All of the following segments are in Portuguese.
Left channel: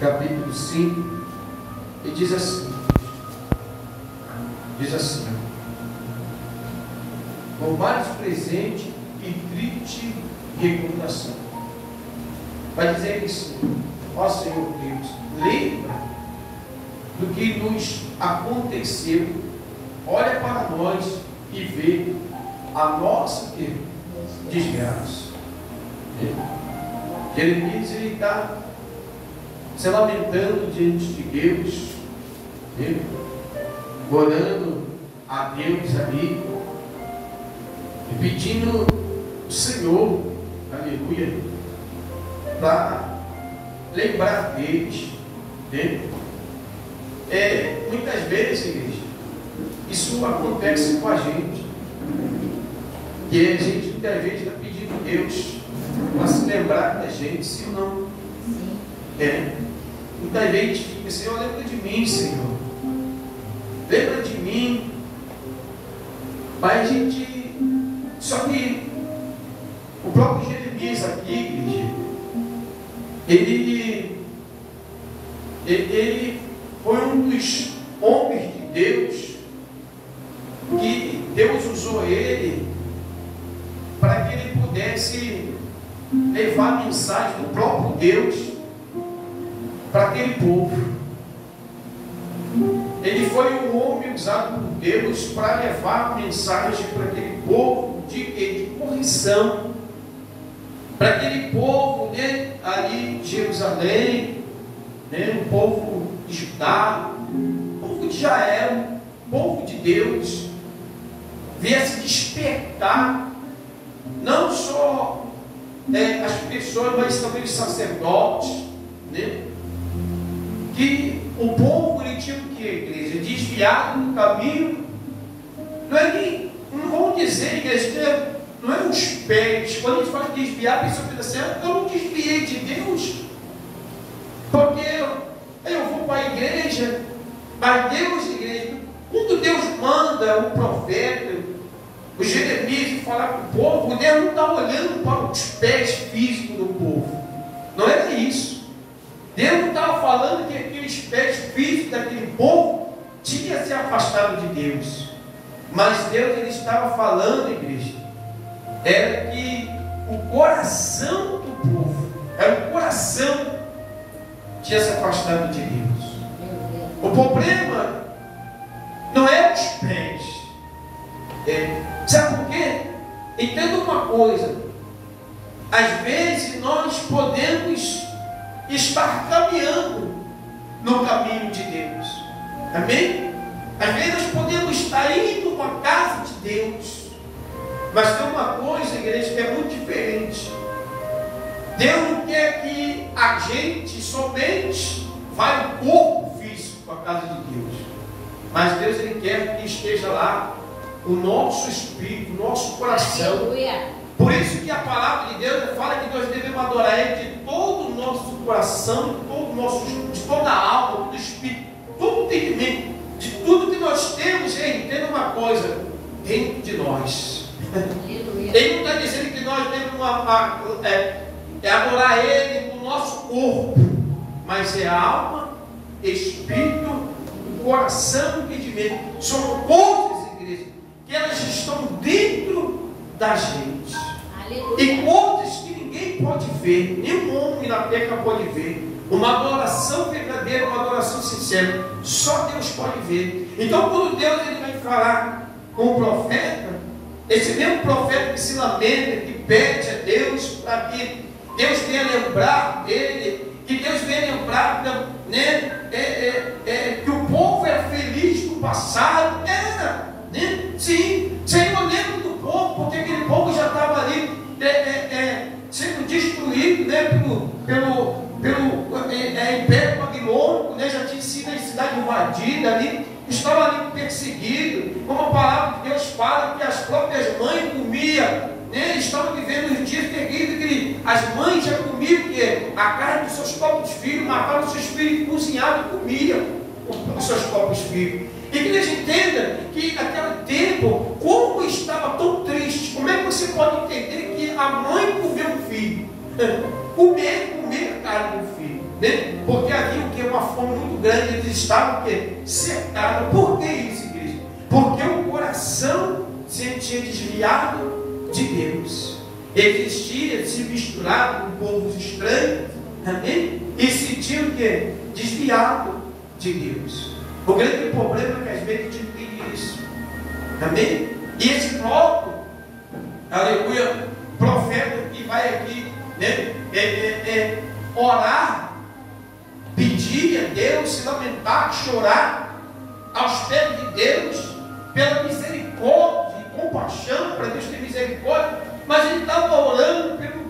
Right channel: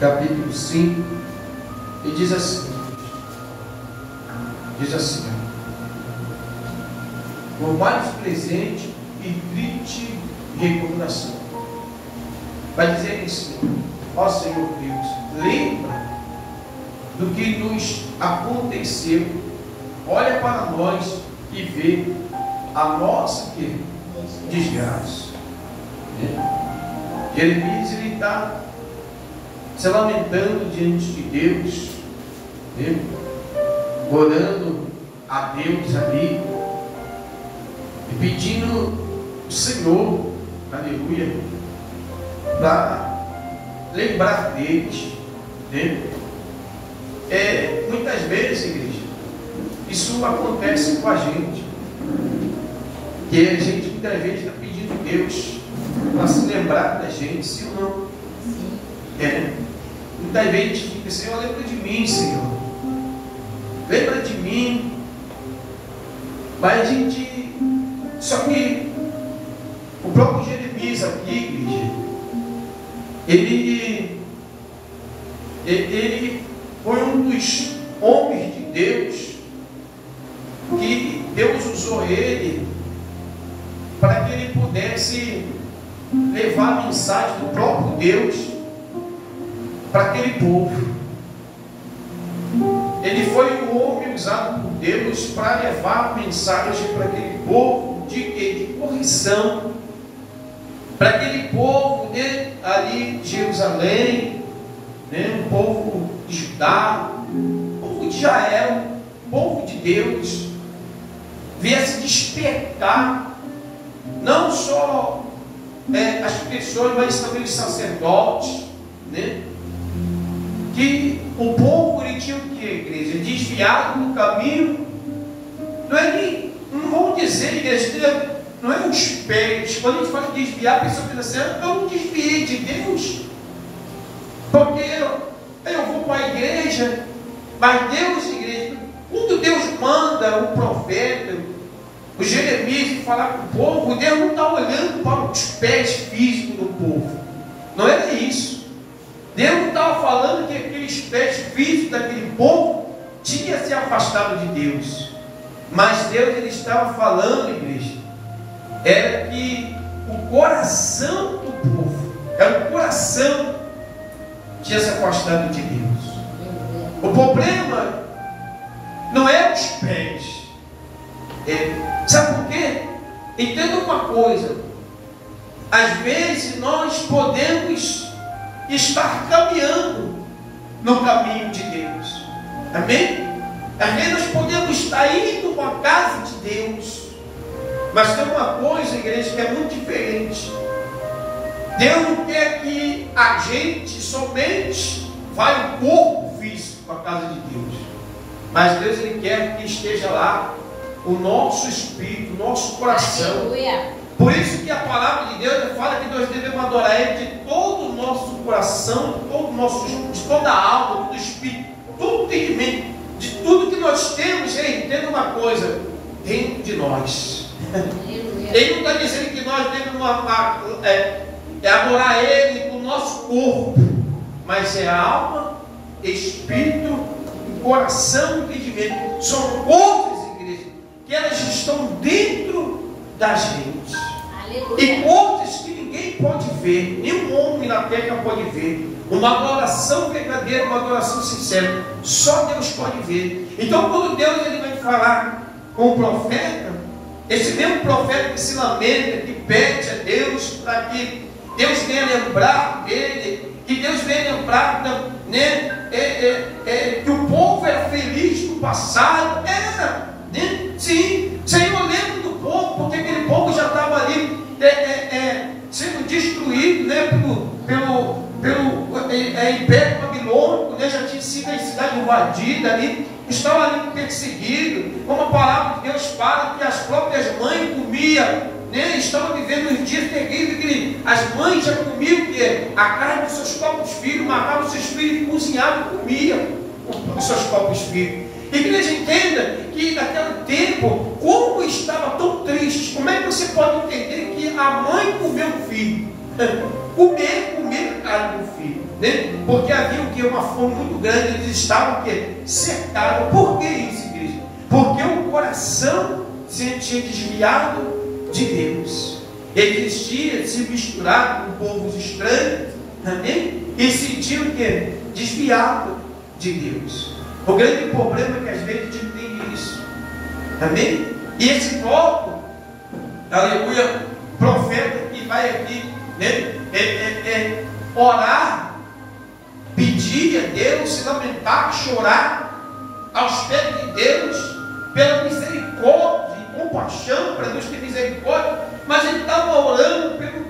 capítulo 5, e diz assim, o mais presente e triste recordação. Vai dizer assim: ó Senhor Deus, lembra do que nos aconteceu, olha para nós e vê a nossa desgraça. Jeremias, ele está se lamentando diante de Deus, orando a Deus ali e pedindo o Senhor, aleluia, para lembrar deles, muitas vezes, igreja, isso acontece com a gente, que a gente muitas vezes está pedindo a Deus para se lembrar da gente, sim ou não? Muitas vezes a gente fica: Senhor, lembra de mim, Senhor, lembra de mim. Mas a gente, só que o próprio Jeremias aqui, igreja, ele foi um dos homens de Deus, que Deus usou ele para que ele pudesse levar a mensagem do próprio Deus para aquele povo. Ele foi o homem usado por Deus para levar a mensagem para aquele povo de correção, para aquele povo ali de Jerusalém, o povo de Judá, o povo de Israel, o povo de Deus, viesse despertar não só as pessoas, mas também os sacerdotes, que o povo ele tinha o que, igreja? Desviado do caminho. Não vão dizer, igreja, não é os pés. Quando a gente fala de desviar, a pessoa pensa assim: eu não desviei de Deus, porque eu vou para a igreja. Mas Deus, igreja, quando Deus manda o profeta, o Jeremias, falar com o povo, Deus não está olhando para os pés físicos do povo. Não era isso. Deus não estava falando que aqueles pés físicos daquele povo tinham se afastado de Deus. Mas Deus, ele estava falando, igreja, era que o coração do povo, era o coração que tinha se afastado de Deus. O problema não é os pés. Sabe por quê? Entenda uma coisa: às vezes nós podemos estar caminhando no caminho de Deus, amém? Às vezes nós podemos estar indo para a casa de Deus, mas tem uma coisa, igreja, que é muito diferente. Deus não quer que a gente somente vá o corpo físico para a casa de Deus, mas Deus, ele quer que esteja lá o nosso espírito, o nosso coração. Aleluia. Por isso que a palavra de Deus fala que nós devemos adorar Ele de todo o nosso coração, de todo o nosso, de toda a alma, do espírito, todo o entendimento, de tudo que nós temos. Entenda uma coisa, dentro de nós. Ele não está dizendo que nós devemos adorar Ele com o nosso corpo, mas é alma, espírito, coração e entendimento. São coisas, igreja, que elas estão dentro da gente. Aleluia. E coisas que ninguém pode ver, nenhum homem na terra pode ver. Uma adoração verdadeira, uma adoração sincera, só Deus pode ver. Então, quando Deus ele vai falar com o profeta, esse mesmo profeta que se lamenta, que pede a Deus para que Deus venha lembrar dele, que Deus venha lembrar, que o povo era feliz no passado. Sim, Senhor, lembra do povo, porque aquele povo já estava ali sendo destruído, pelo Império Babilônico, já tinha sido a cidade invadida ali, estava ali perseguido, como a palavra de Deus fala, que as próprias mães comiam, estavam vivendo os dias terríveis, que as mães já comiam a carne dos seus próprios filhos, matavam os seus filhos, cozinhavam e comiam os seus próprios filhos. E que a gente entenda que naquele tempo, como estava tão triste, como é que você pode entender que a mãe comeu o filho? Comer ficaram com o filho, né? Porque havia o que? Uma fome muito grande, eles estavam o quê? Cercados. Por que isso, igreja? Porque o coração se tinha desviado de Deus. Eles tinham se misturado com povos estranhos, amém? E sentiam o quê? Desviado de Deus. O grande problema é que às vezes a gente tem isso, amém? E esse voto, aleluia, profeta que vai aqui, né, orar, pedir a Deus, se lamentar, chorar aos pés de Deus, pela misericórdia e compaixão, para Deus ter misericórdia, mas ele estava orando pelo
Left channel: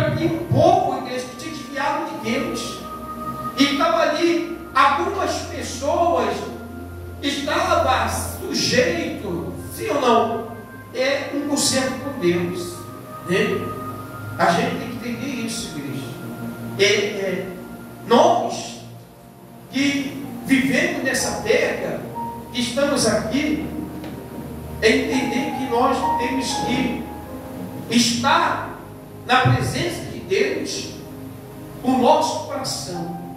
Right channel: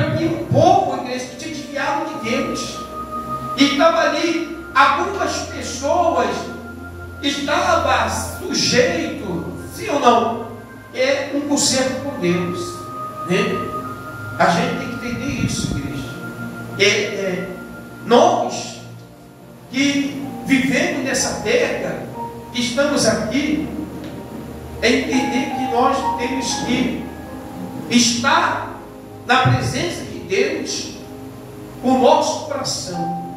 aquele povo, igreja, que tinha desviado de Deus, e estava ali, algumas pessoas estavam sujeitos, sim ou não, um conserto com Deus, né? A gente tem que entender isso, igreja. Nós que vivemos nessa terra, que estamos aqui, é entender que nós temos que estar na presença de Deus com o nosso coração,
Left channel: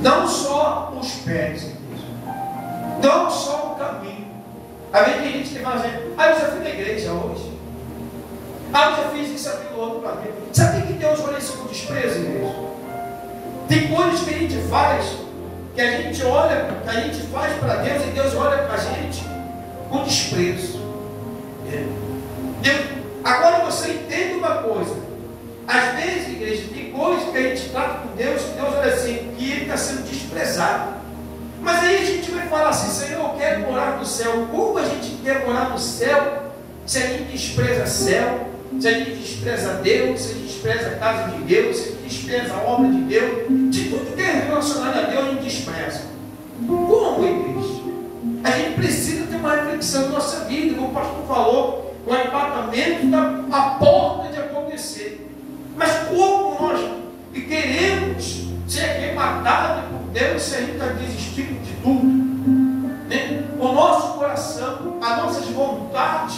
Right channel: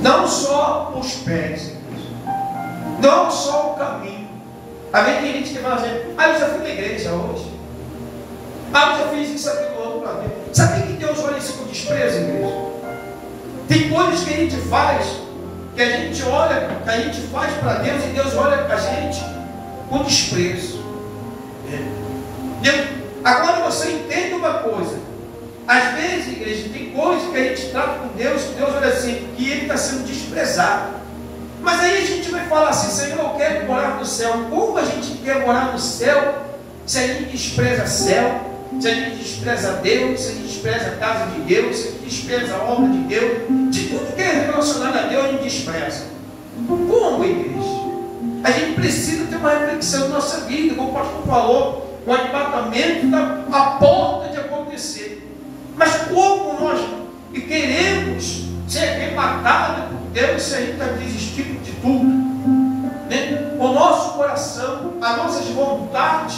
não só os pés, igreja, não só o caminho. Às vezes tem gente que fala assim: eu já fui na igreja hoje, eu já fiz isso, aquilo, outro para Deus. Sabe que Deus olha isso com desprezo, igreja? Tem coisas que a gente faz, que a gente olha, que a gente faz para Deus, e Deus olha para a gente com desprezo. Agora você entende uma coisa: às vezes, igreja, tem coisas que a gente trata com Deus, que Deus olha assim, que Ele está sendo desprezado. Mas aí a gente vai falar assim: Senhor, eu quero morar no céu. Como a gente quer morar no céu se a gente despreza céu, se a gente despreza Deus, se a gente despreza a casa de Deus, se a gente despreza a obra de Deus, de tudo que é relacionado a Deus a gente despreza? Como, igreja? A gente precisa ter uma reflexão na nossa vida. Como o pastor falou, o arrebatamento está à porta de acontecer. Mas como nós queremos ser arrebatados por Deus se a gente está desistindo de tudo, né? O nosso coração, as nossas vontades,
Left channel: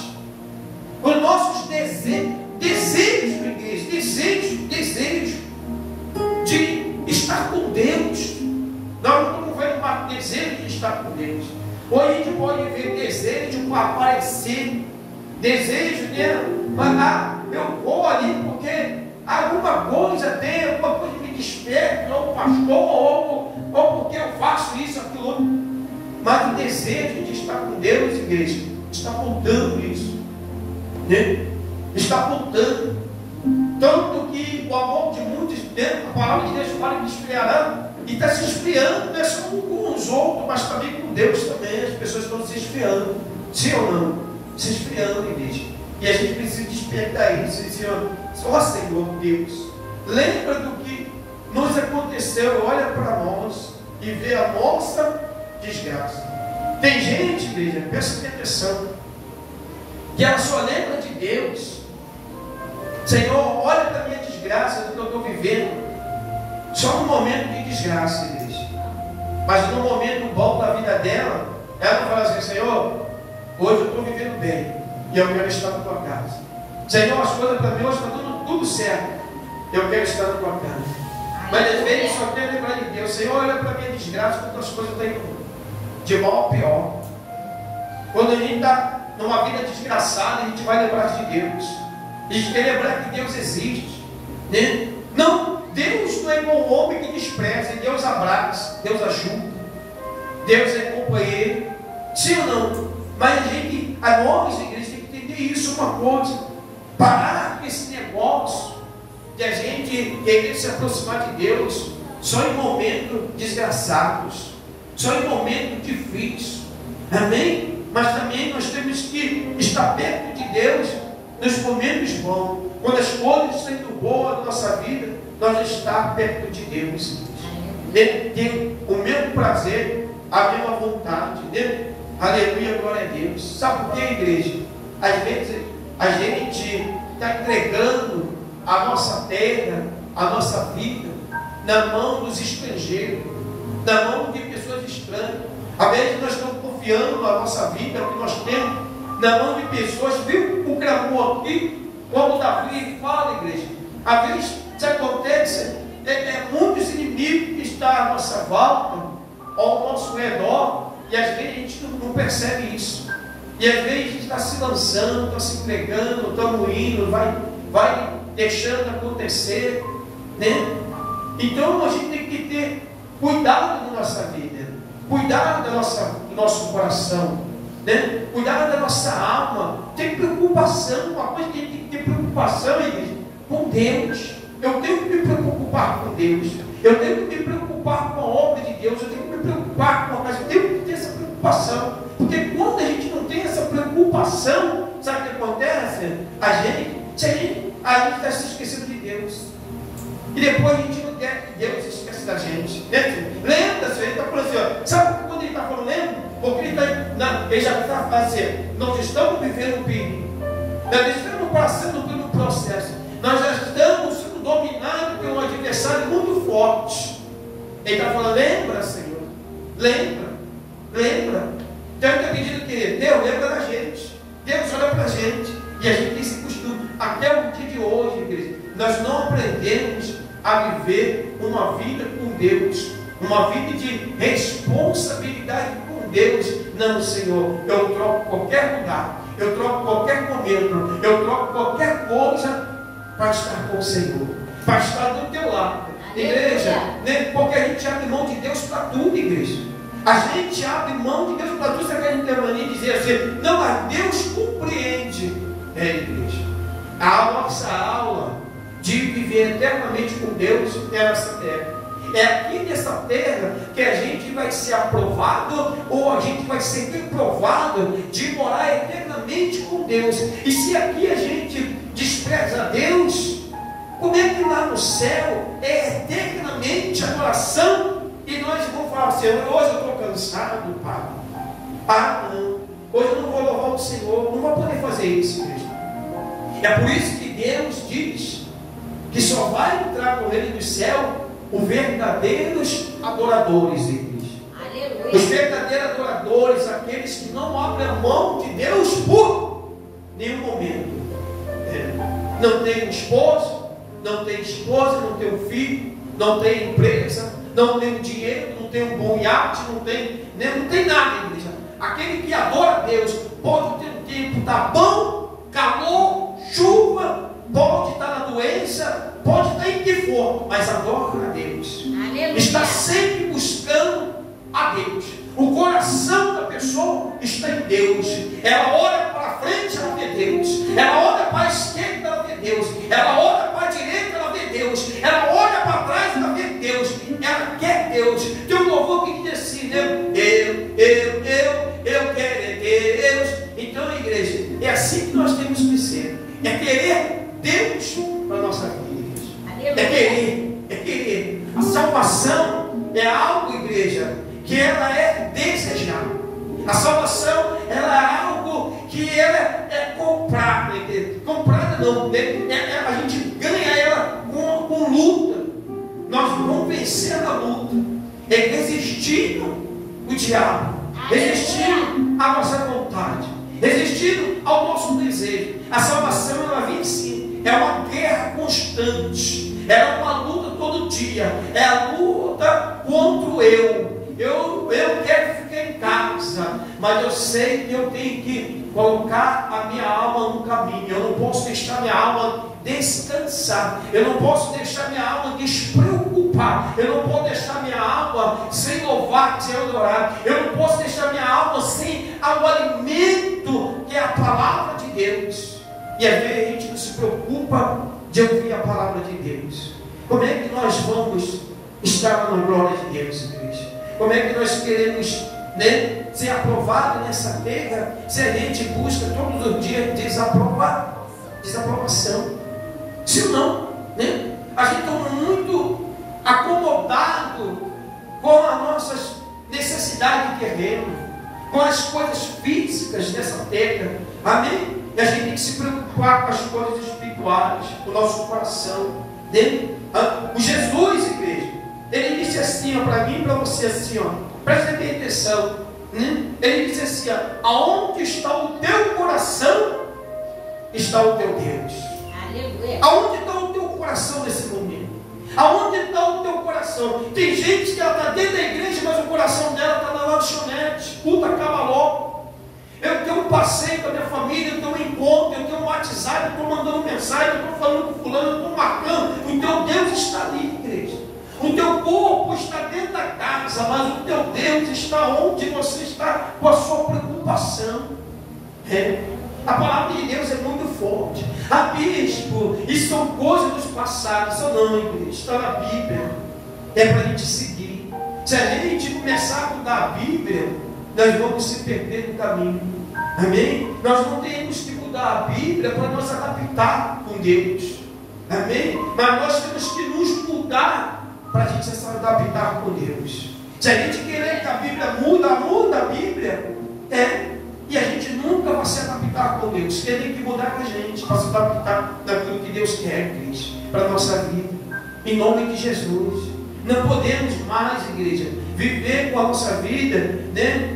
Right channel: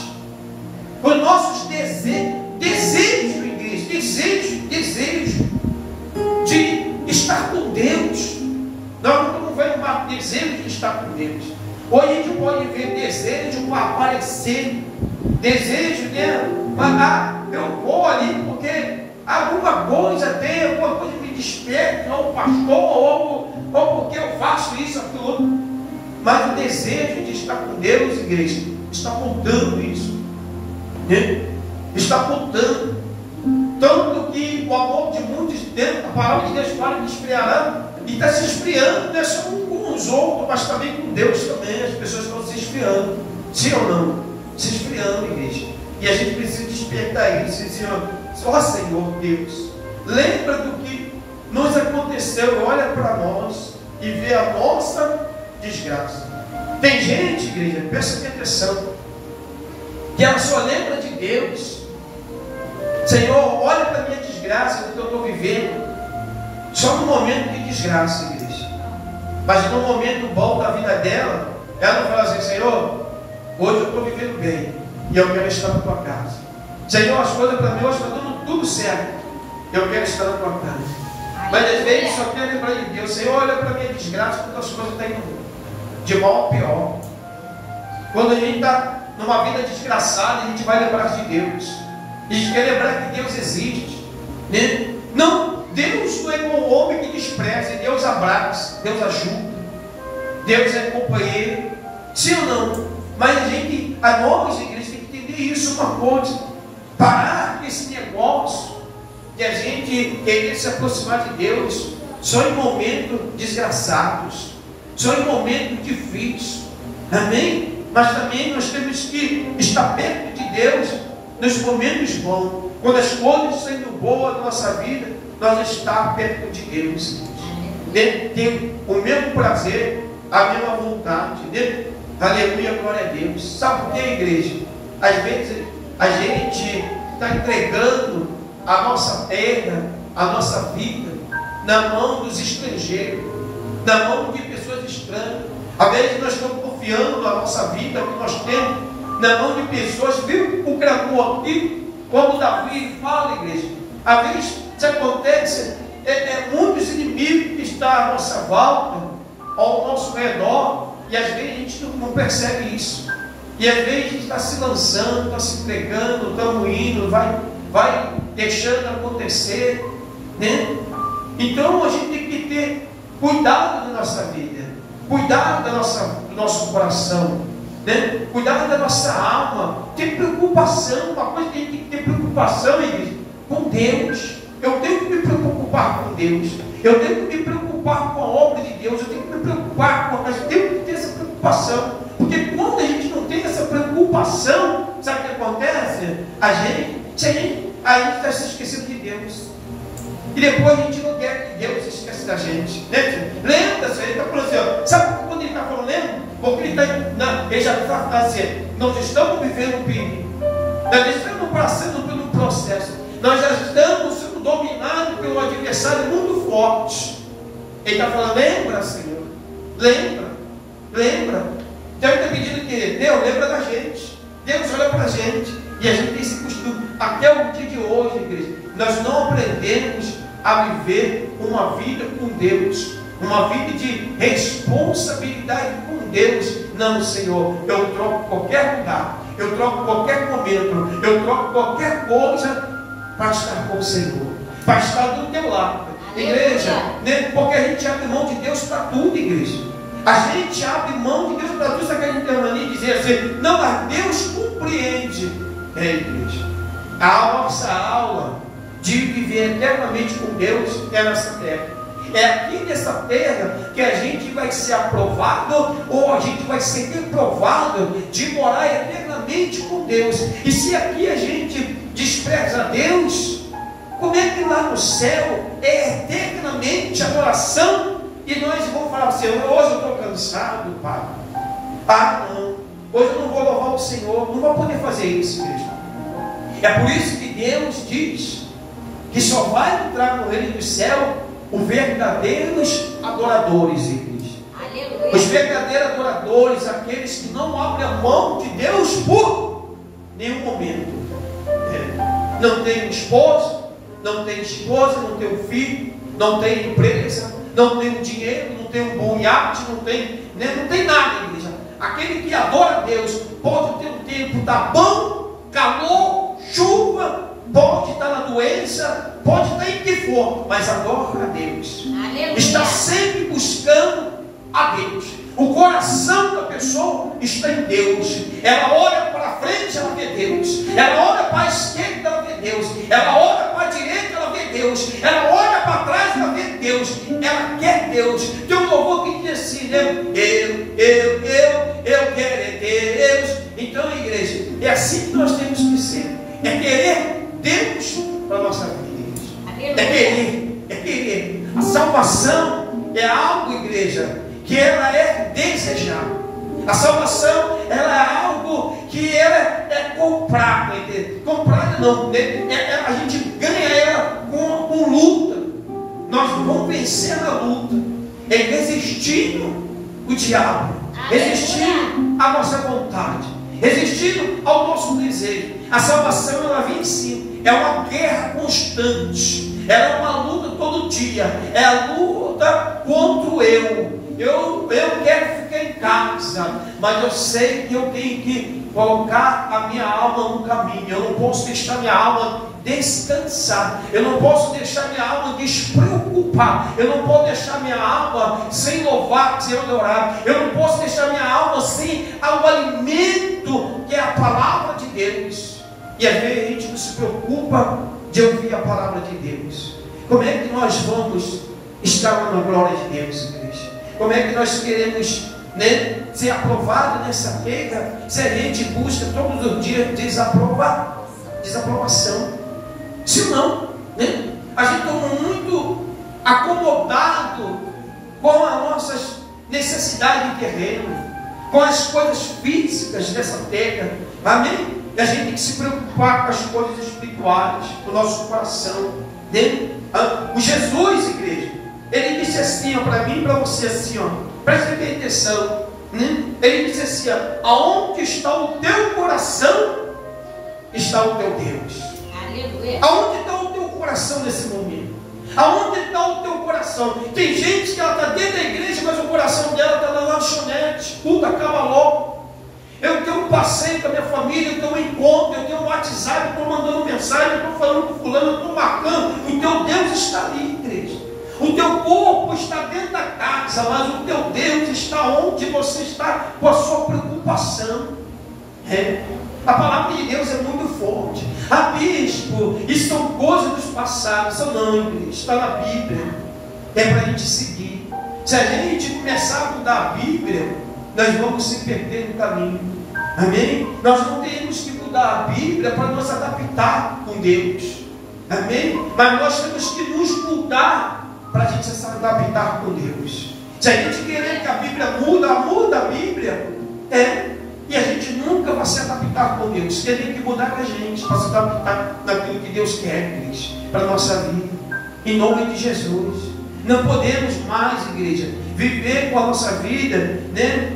os nossos desejos, igreja, desejo de estar com Deus. Nós não estamos vendo mais desejo de estar com Deus. Hoje a gente pode ver desejo de aparecer, desejo de eu vou ali porque alguma coisa tem, alguma coisa me desperta, ou pastor, ou porque eu faço isso, aquilo outro. Mas o desejo de estar com Deus, igreja, está faltando isso, né? Está faltando. Tanto que o amor de muitos, a palavra de Deus fala que esfriará, e está se esfriando, não é só com os outros, mas também com Deus também. As pessoas estão se esfriando, sim ou não? Se esfriando, igreja. E a gente precisa despertar isso, Senhor. Ó Senhor Deus, lembra do que nos aconteceu, olha para nós e vê a nossa desgraça. Tem gente, igreja, presta atenção, que ela só lembra de Deus. Senhor, olha para a minha desgraça, do que eu estou vivendo, só no momento de desgraça, igreja. Mas no momento bom da vida dela, ela não fala assim: Senhor, hoje eu estou vivendo bem e eu quero estar na tua casa. Senhor, as coisas para mim hoje está tudo certo, eu quero estar na tua casa. Mas às vezes só quero lembrar de Deus. Senhor, olha para a minha desgraça, quantas coisas estão indo de mal a pior. Quando a gente está numa vida desgraçada, a gente vai lembrar de Deus. A gente quer lembrar que Deus existe, né? Não, Deus não é como o homem que despreza. Deus abraça, Deus ajuda, Deus é companheiro, sim ou não? Mas a nós, igreja, tem que entender isso, uma coisa: parar com esse negócio de a gente querer se aproximar de Deus só em momentos desgraçados, só em momentos difíceis, amém? Mas também nós temos que estar perto de Deus nos momentos bons. Quando as coisas estão indo boas na nossa vida, nós estamos perto de Deus, ter o mesmo prazer, a mesma vontade, né? Aleluia, glória a Deus. Sabe por que, igreja? Às vezes a gente está entregando a nossa terra, a nossa vida, na mão dos estrangeiros, na mão de pessoas estranhas. Às vezes nós estamos confiando a nossa vida, o que nós temos, na mão de pessoas. Viu o clamor aqui? Como Davi fala, igreja, às vezes se acontece muitos inimigos que estão à nossa volta, ao nosso redor, e às vezes a gente não percebe isso. E às vezes a gente está se lançando, está se entregando, estamos indo, vai deixando acontecer, né? Então a gente tem que ter cuidado da nossa vida, cuidado do nosso coração, né? Cuidado da nossa alma, ter preocupação. Uma coisa que a gente tem que ter preocupação, igreja, com Deus. Eu tenho que me preocupar com Deus, eu tenho que me preocupar com a obra de Deus, eu tenho que me preocupar com a casa, eu tenho que ter essa preocupação, porque quando a gente não tem essa preocupação, sabe o que acontece? A gente está se esquecendo de Deus, e depois a gente não quer que Deus se esqueça da gente, né? Lembra-se, ele está falando assim, ó, sabe quando ele está falando, lembra? Porque ele já está assim, nós estamos vivendo um perigo, nós estamos passando pelo processo, nós já estamos sendo dominados por um adversário muito forte. Ele está falando, lembra, Senhor, lembra. Então ele está pedindo que Deus lembra da gente, Deus olha para a gente, e a gente tem esse costume, até o dia de hoje, igreja, nós não aprendemos a viver uma vida com Deus, uma vida de responsabilidade com Deus. Não, Senhor, eu troco qualquer lugar, eu troco qualquer momento, eu troco qualquer coisa para estar com o Senhor, para estar do teu lado. Igreja, né? Porque a gente abre mão de Deus para tudo, igreja. A gente abre mão de Deus para tudo. Sabe que a gente tem a mania de dizer assim, não, mas Deus compreende. Igreja, a nossa aula de viver eternamente com Deus é nessa terra. É aqui nessa terra que a gente vai ser aprovado, ou a gente vai ser reprovado de morar eternamente com Deus. E se aqui a gente despreza a Deus, como é que lá no céu é eternamente adoração? E nós vamos falar assim, hoje eu estou cansado, Pai. Não, hoje eu não vou louvar o Senhor. Não vou poder fazer isso, igreja. É por isso que Deus diz que só vai entrar no reino do céu os verdadeiros adoradores, igreja. Aleluia. Os verdadeiros adoradores, aqueles que não abrem a mão de Deus por nenhum momento. Não tem esposo, não tem esposa, não tem um filho, não tem empresa, não tem dinheiro, não tem um bom iate, não tem nada, igreja. Aquele que adora a Deus pode ter um tempo, tá bom, calor, chuva, pode estar na doença, pode estar em que for, mas adora a Deus. Aleluia. Está sempre buscando a Deus. O coração da pessoa está em Deus. Ela olha para frente, ela vê Deus. Ela olha para a esquerda, ela vê Deus. Ela olha para a direita, ela vê Deus. Ela olha para trás, ela vê Deus. Ela quer Deus. Tem um louvor que diz assim, né? Eu quero é Deus. Então, igreja, é assim que nós temos que ser. É querer Deus para a nossa vida, igreja. É querer. A salvação é algo, igreja, que ela é desejada. A salvação, ela é algo que ela é comprada. Comprada não, a gente ganha ela com luta. Nós vamos vencer na luta, resistindo o diabo, resistindo à nossa vontade, resistindo ao nosso desejo. A salvação, ela vem sim, é uma guerra constante, ela é uma luta todo dia, é a luta contra o eu. Eu quero ficar em casa, mas eu sei que eu tenho que colocar a minha alma no caminho. Eu não posso deixar minha alma descansar, eu não posso deixar minha alma despreocupar, eu não posso deixar minha alma sem louvar, sem adorar, eu não posso deixar minha alma sem o alimento que é a palavra de Deus. E às vezes a gente não se preocupa de ouvir a palavra de Deus. Como é que nós vamos estar na glória de Deus, igreja? Como é que nós queremos, né, ser aprovados nessa terra se a gente busca todos os dias desaprovação? Se não, né, a gente está muito acomodado com as nossas necessidades de terreno, com as coisas físicas dessa terra. Amém? E a gente tem que se preocupar com as coisas espirituais, com o nosso coração. Né? O Jesus, igreja, ele disse assim, para mim e para você, assim, preste bem atenção. Ele disse assim, aonde está o teu coração, está o teu Deus. Aleluia. Aonde está o teu coração nesse momento? Aonde está o teu coração? Tem gente que ela está dentro da igreja, mas o coração dela está na lanchonete. Tudo acaba logo. Eu tenho um passeio com a minha família, eu tenho um encontro, eu tenho um WhatsApp, eu estou mandando mensagem, eu estou falando com fulano, eu estou marcando. O teu Deus está ali, igreja. O teu corpo está dentro da casa, mas o teu Deus está onde você está com a sua preocupação. A palavra de Deus é muito forte. Bispo, isso são coisas dos passados. Não, igreja, está na Bíblia. É para a gente seguir. Se a gente começar a mudar a Bíblia, nós vamos se perder no caminho. Amém? Nós não temos que mudar a Bíblia para nos adaptar com Deus. Amém? Mas nós temos que nos mudar para a gente se adaptar com Deus. Se a gente querer que a Bíblia muda a Bíblia, e a gente nunca vai se adaptar com Deus. Tem que mudar com a gente para se adaptar naquilo que Deus quer, igreja, para a nossa vida. Em nome de Jesus. Não podemos mais, igreja, viver com a nossa vida, né?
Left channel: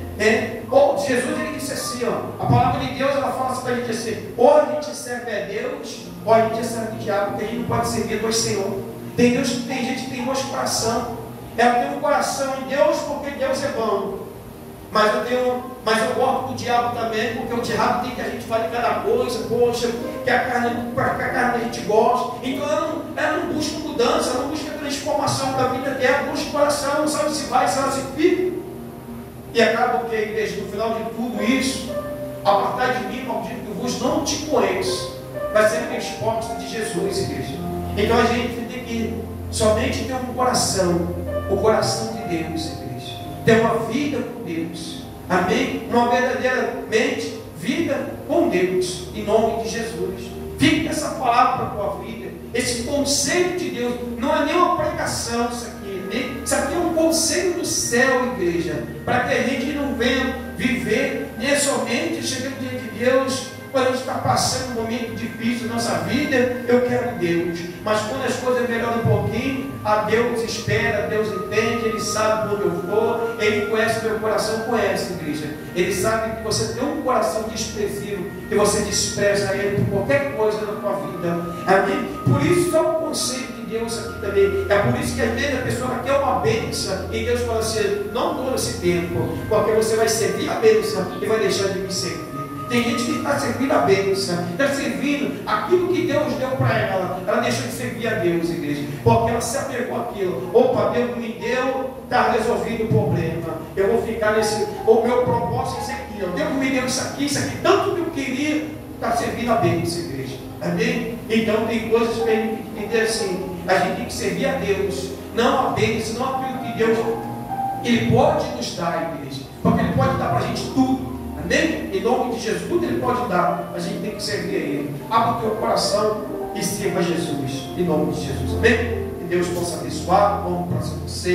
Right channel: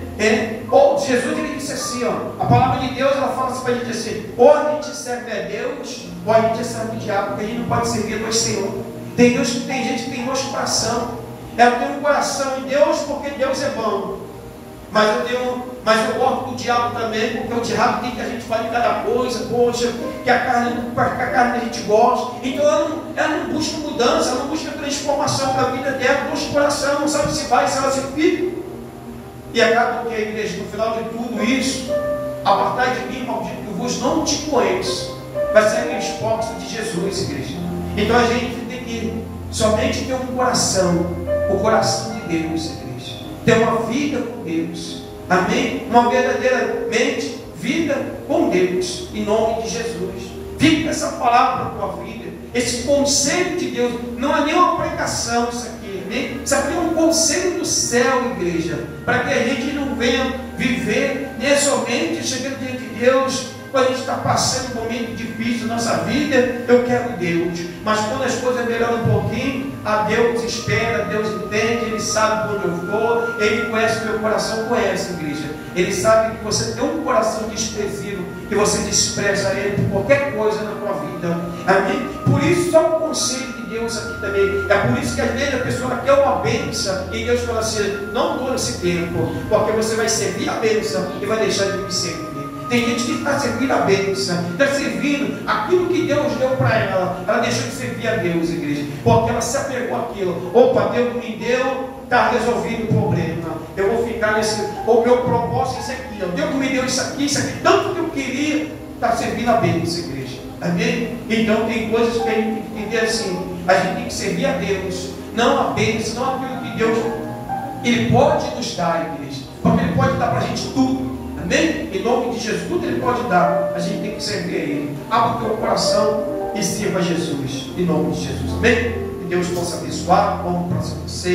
Jesus, ele disse assim, a palavra de Deus, ela fala assim para a gente assim: ou a gente serve a Deus, ou a gente serve o diabo, porque a gente não pode servir dois senhores. Tem gente que tem dois corações. Eu tenho um coração em Deus porque Deus é bom. Mas eu gosto do diabo também, porque o diabo tem que a gente fazer cada coisa, poxa, que a carne a gente gosta. Então ela não busca mudança, ela não busca transformação para a vida dela, busca o coração, não sabe se vai, se ela se fica. E acaba que a igreja, no final de tudo isso, apartai de mim, maldito, que vos não te conheço. Vai ser aqueles porcos de Jesus, igreja. Então a gente tem que somente ter um coração, o coração de Deus, igreja. Ter uma vida com Deus. Amém? Uma verdadeiramente vida com Deus. Em nome de Jesus. Fique essa palavra para a tua vida. Esse conselho de Deus. Não é nem uma pregação isso aqui. Amém? Isso aqui é um conselho do céu, igreja. Para que a gente não venha viver somente chegando diante de Deus. Quando a gente está passando um momento difícil na nossa vida, eu quero Deus. Mas quando as coisas melhoram um pouquinho, a Deus espera, Deus entende, Ele sabe onde eu estou, Ele conhece o meu coração, conhece, igreja. Ele sabe que você tem um coração desprezível, que você despreza Ele por qualquer coisa na tua vida. Amém? Por isso, só o conselho de Deus aqui também. É por isso que às vezes a pessoa quer uma bênção, e Deus fala assim: não dou esse tempo, porque você vai servir a bênção e vai deixar de me servir. Tem gente que está servindo a bênção, está servindo aquilo que Deus deu para ela. Ela deixou de servir a Deus, igreja, porque ela se apegou àquilo. Opa, Deus me deu, está resolvido o problema. Eu vou ficar nesse. O meu propósito é esse aqui. Deus me deu isso aqui, tanto que eu queria, está servindo a bênção, igreja. Amém? Então tem coisas que a gente tem que entender assim. A gente tem que servir a Deus, não a bênção, não aquilo que Deus Ele pode nos dar, igreja, porque Ele pode dar para a gente tudo. Amém? Em nome de Jesus, tudo Ele pode dar. A gente tem que servir a Ele. Abra o teu coração e sirva a Jesus. Em nome de Jesus. Amém? Que Deus possa abençoar. Vamos para você.